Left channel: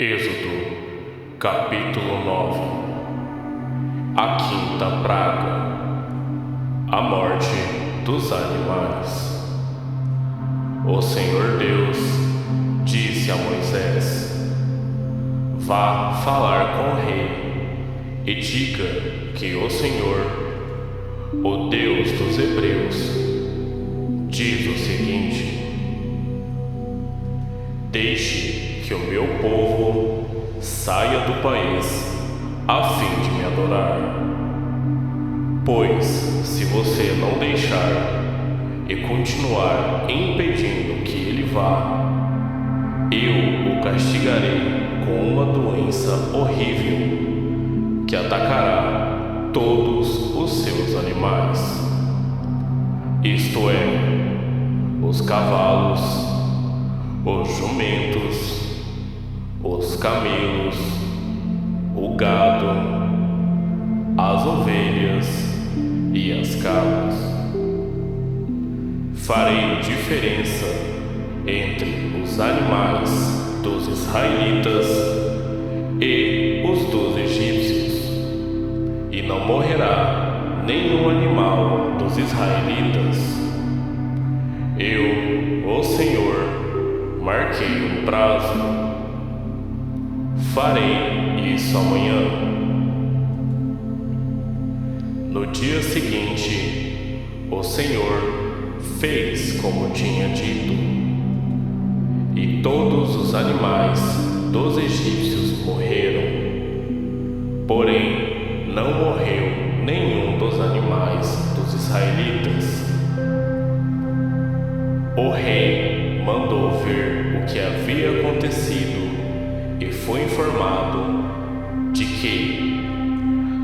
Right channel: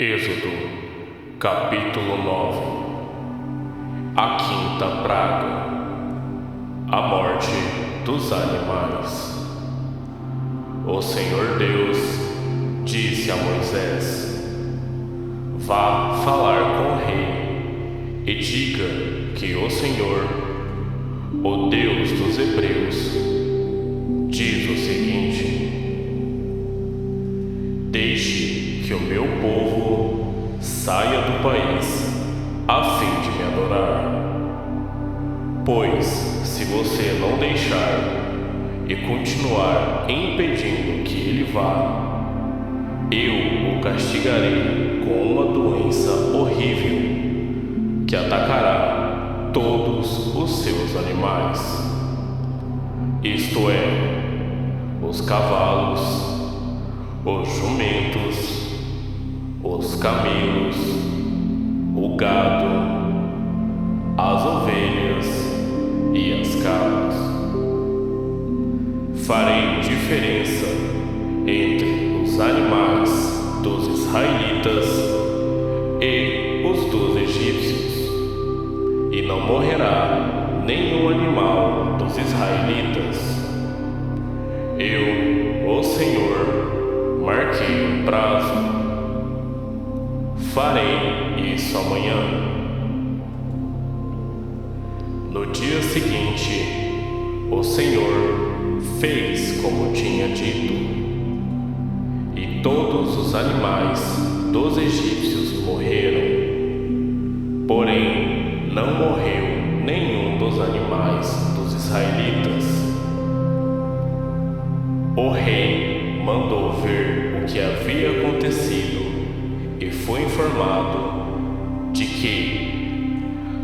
Êxodo, capítulo 9. A quinta praga, a morte dos animais. O Senhor Deus disse a Moisés: vá falar com o rei e diga que o Senhor, o Deus dos Hebreus, diz o seguinte: deixe que o meu povo saia do país a fim de me adorar. Pois, se você não deixar e continuar impedindo que ele vá, eu o castigarei com uma doença horrível que atacará todos os seus animais, isto é, os cavalos, os jumentos, os camelos, o gado, as ovelhas e as cabras. Farei diferença entre os animais dos israelitas e os dos egípcios, e não morrerá nenhum animal dos israelitas. Eu, o Senhor, marquei um prazo. Farei isso amanhã. No dia seguinte, o Senhor fez como tinha dito, e todos os animais dos egípcios morreram. Porém, não morreu nenhum dos animais dos israelitas. O rei mandou ver o que havia acontecido e foi informado de que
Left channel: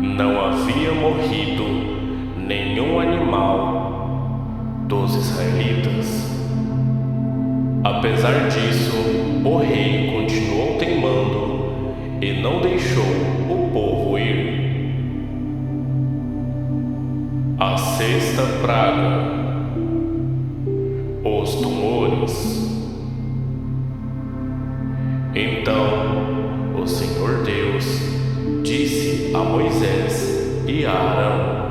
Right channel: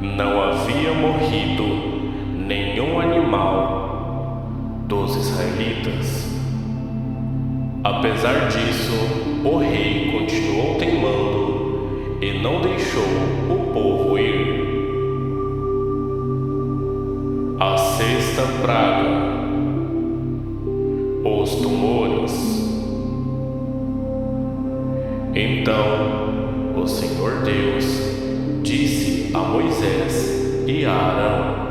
não havia morrido nenhum animal dos israelitas. Apesar disso, o rei continuou teimando e não deixou o povo ir. A sexta praga, os tumores. Então, o Senhor Deus disse a Moisés e a Arão:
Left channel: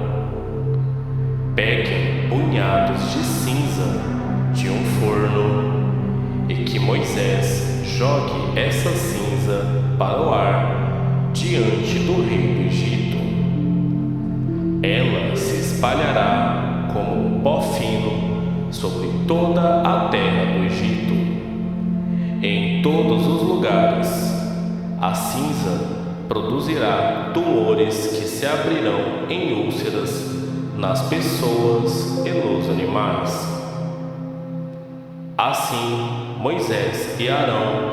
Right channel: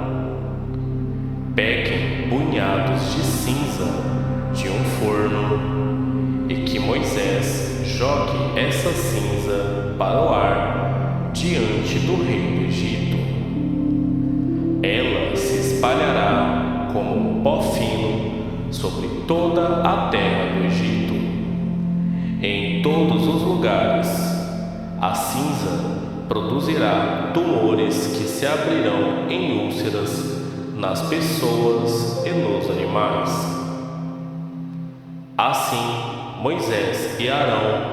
peguem punhados de cinza de um forno e que Moisés jogue essa cinza para o ar diante do rei do Egito. Ela se espalhará como um pó fino sobre toda a terra do Egito. Em todos os lugares, a cinza produzirá tumores que se abrirão em úlceras nas pessoas e nos animais. Assim, Moisés e Arão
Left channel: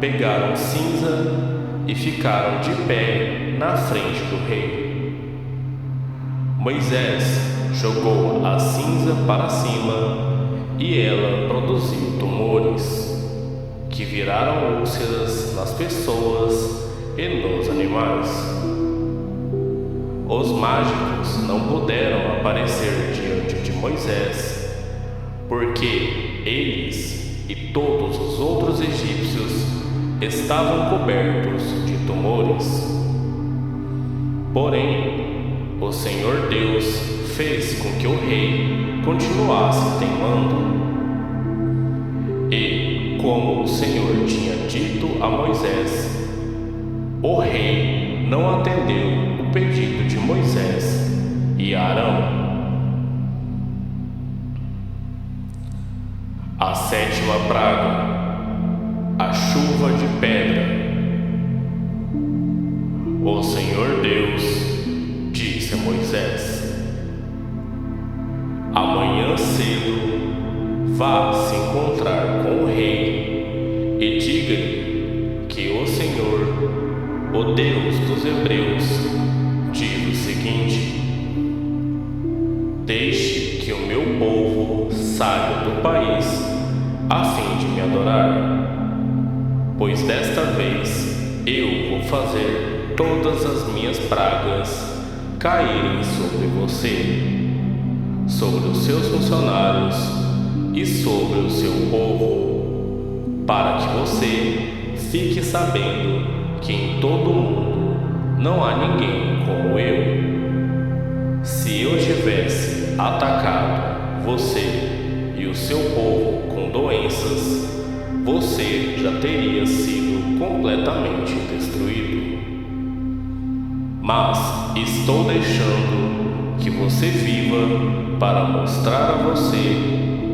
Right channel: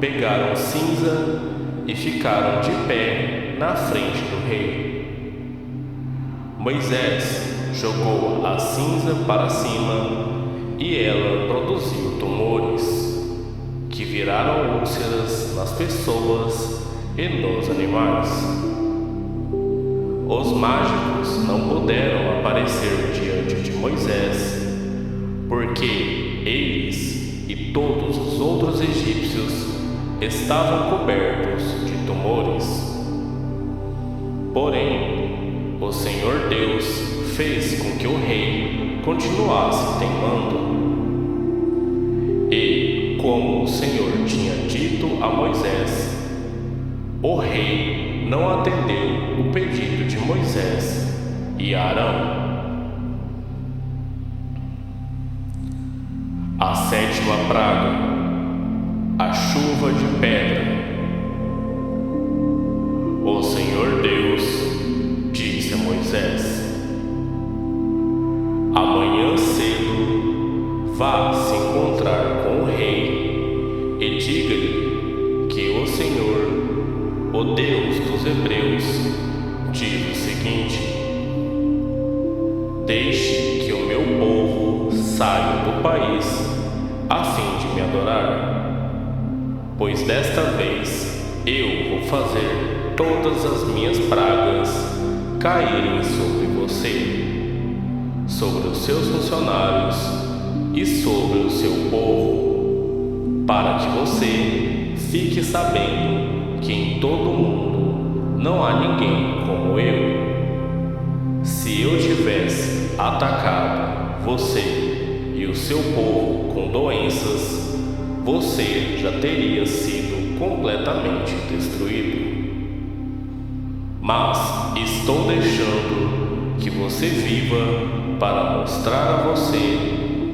pegaram cinza e ficaram de pé na frente do rei. Moisés jogou a cinza para cima e ela produziu tumores que viraram úlceras nas pessoas e nos animais. Os mágicos não puderam aparecer diante de Moisés, porque eles e todos os outros egípcios estavam cobertos de tumores. Porém, o Senhor Deus fez com que o rei continuasse teimando. E, como o Senhor tinha dito a Moisés, o rei não atendeu o pedido de Moisés e Arão. A sétima praga, a chuva de pedra. O Senhor Deus disse a Moisés: amanhã cedo vá se encontrar com o rei e diga-lhe que o Senhor, o Deus dos Hebreus, diz o seguinte: deixe que o meu povo saia do país a fim de me adorar, pois desta vez eu vou fazer todas as minhas pragas caírem sobre você, sobre os seus funcionários e sobre o seu povo, para que você fique sabendo que em todo o mundo não há ninguém como eu. Se eu tivesse atacado você e o seu povo com doenças, você já teria sido completamente destruído. Mas estou deixando que você viva para mostrar a você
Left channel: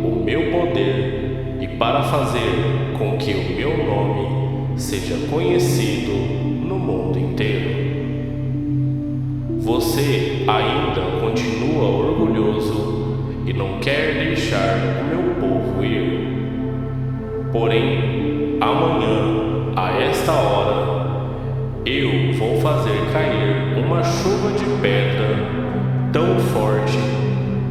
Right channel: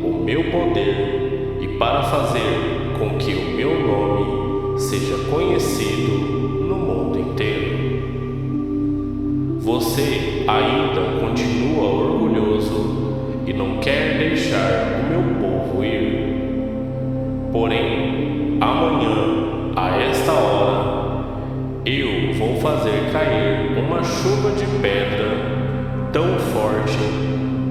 o meu poder e para fazer com que o meu nome seja conhecido no mundo inteiro. Você ainda continua orgulhoso e não quer deixar o meu povo ir. Porém, amanhã, a esta hora, eu vou fazer cair uma chuva de pedra tão forte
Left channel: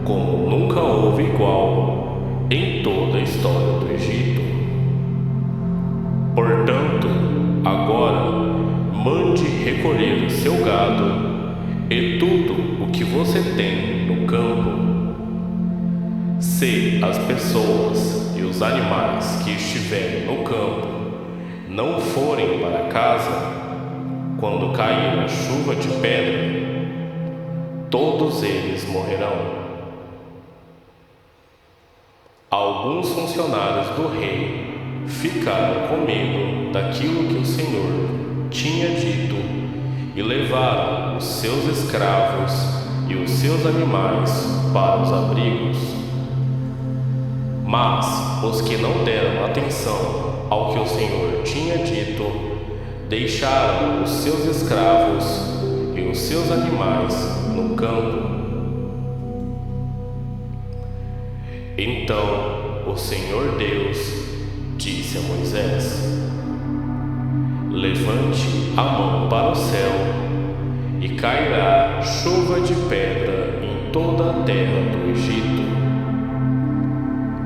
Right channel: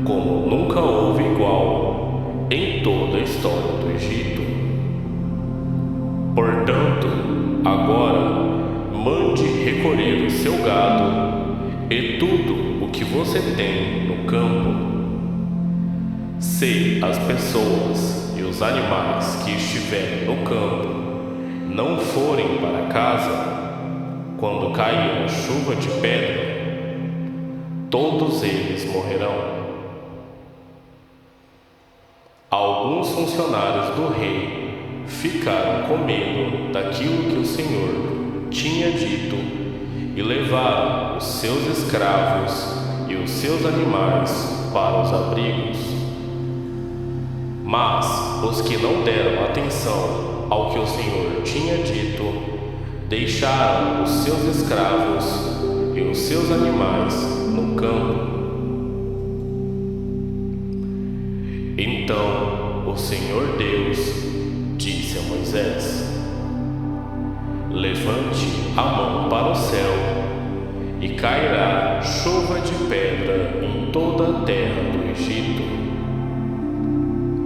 como nunca houve igual em toda a história do Egito. Portanto, agora, mande recolher o seu gado e tudo o que você tem no campo. Se as pessoas e os animais que estiverem no campo não forem para casa, quando cair a chuva de pedra, todos eles morrerão. Alguns funcionários do rei ficaram com medo daquilo que o Senhor tinha dito e levaram os seus escravos e os seus animais para os abrigos. Mas os que não deram atenção ao que o Senhor tinha dito, deixaram os seus escravos e os seus animais no campo. Então o Senhor Deus disse a Moisés: levante a mão para o céu e cairá chuva de pedra em toda a terra do Egito.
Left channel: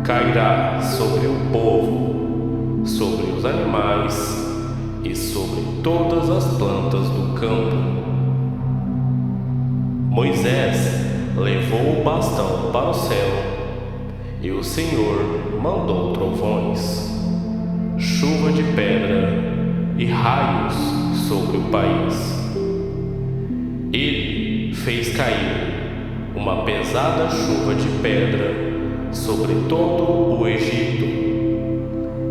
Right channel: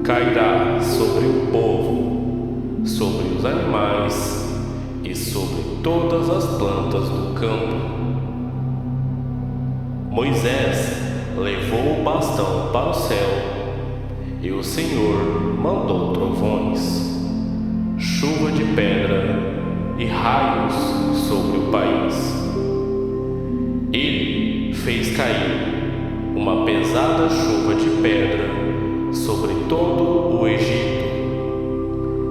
Cairá sobre o povo, sobre os animais e sobre todas as plantas do campo. Moisés levou o bastão para o céu e o Senhor mandou trovões, chuva de pedra e raios sobre o país. Ele fez cair uma pesada chuva de pedra sobre todo o Egito,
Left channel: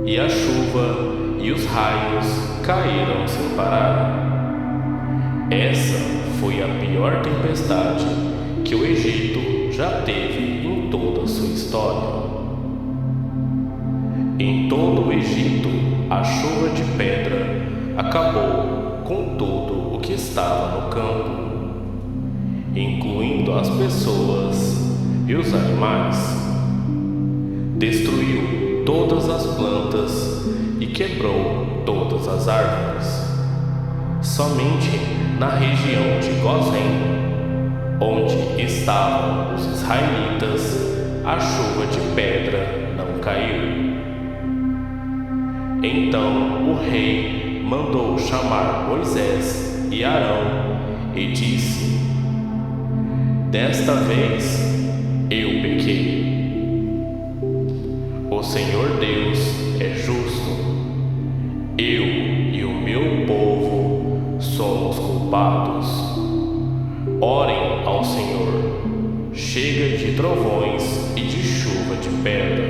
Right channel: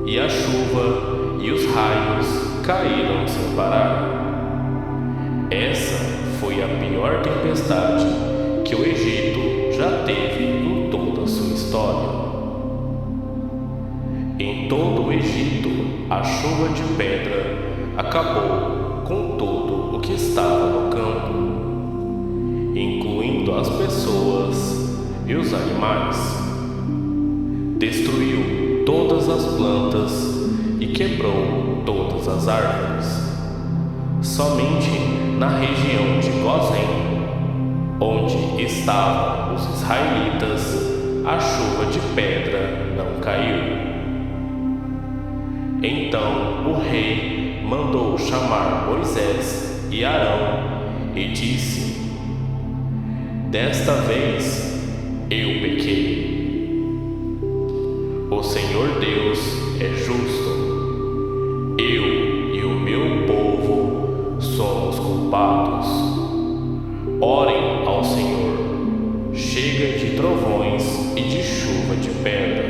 e a chuva e os raios caíram sem parar. Essa foi a pior tempestade que o Egito já teve em toda a sua história. Em todo o Egito, a chuva de pedra acabou com tudo o que estava no campo, incluindo as pessoas e os animais. Destruiu todas as plantas e quebrou todas as árvores. Somente na região de Gozém, onde estavam os israelitas, a chuva de pedra não caiu. Então o rei mandou chamar Moisés e Arão e disse: desta vez eu pequei. O Senhor Deus é justo. Eu e o meu povo somos culpados. Orem ao Senhor. Chega de trovões e de chuva de pedra.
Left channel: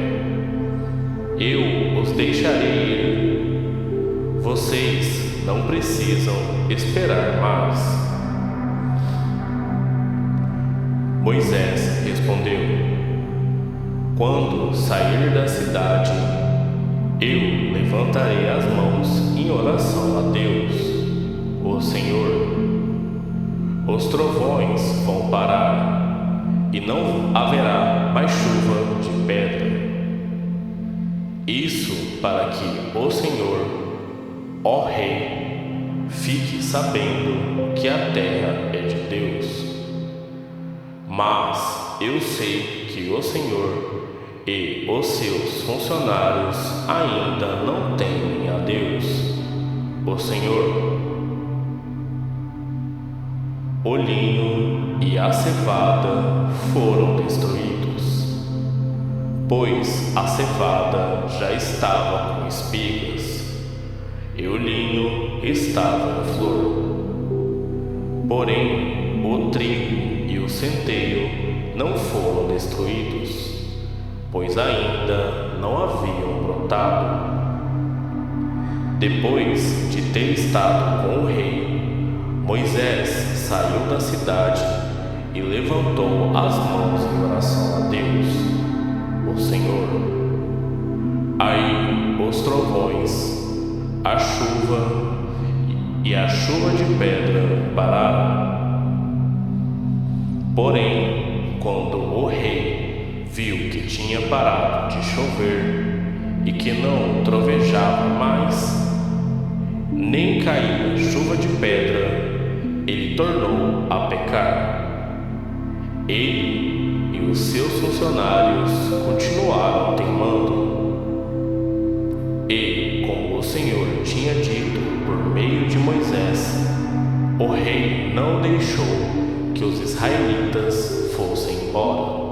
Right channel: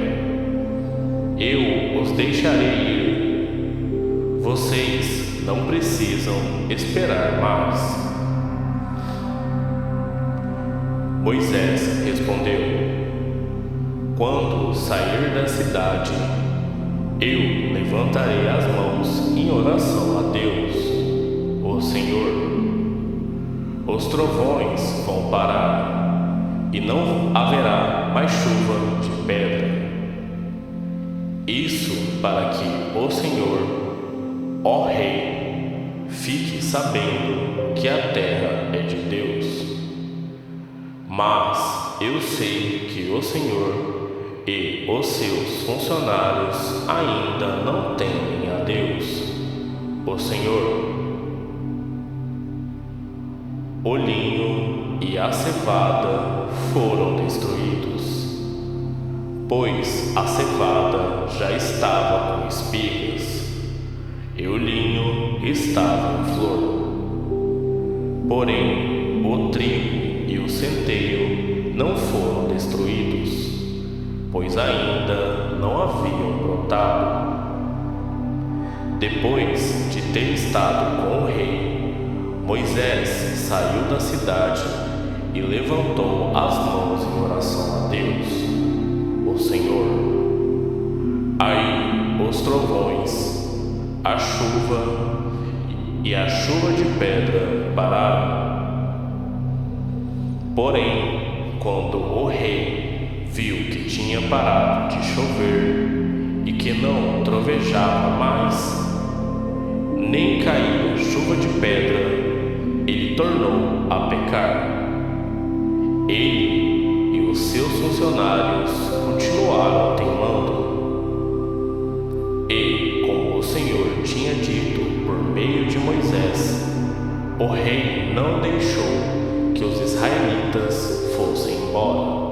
Eu os deixarei ir. Vocês não precisam esperar mais. Moisés respondeu: quando sair da cidade, eu levantarei as mãos em oração a Deus, o Senhor. Os trovões vão parar e não haverá mais chuva de pedra. Isso para que o Senhor, ó Rei, fique sabendo que a terra é de Deus. Mas eu sei que o Senhor e os seus funcionários ainda não temem a Deus, o Senhor. O linho e a cevada foram destruídos, pois a cevada já estava com espigas, e o linho estava em flor. Porém, o trigo e o centeio não foram destruídos, pois ainda não haviam brotado. Depois de ter estado com o rei, Moisés saiu da cidade e levantou as mãos em oração a Deus, o Senhor. Aí os trovões, a chuva e a chuva de pedra pararam. Porém, quando o rei viu que tinha parado de chover e que não trovejava mais, nem caía chuva de pedra, ele tornou a pecar. Ele e os seus funcionários continuaram teimando. E, como o Senhor tinha dito por meio de Moisés, o rei não deixou que os israelitas fossem embora.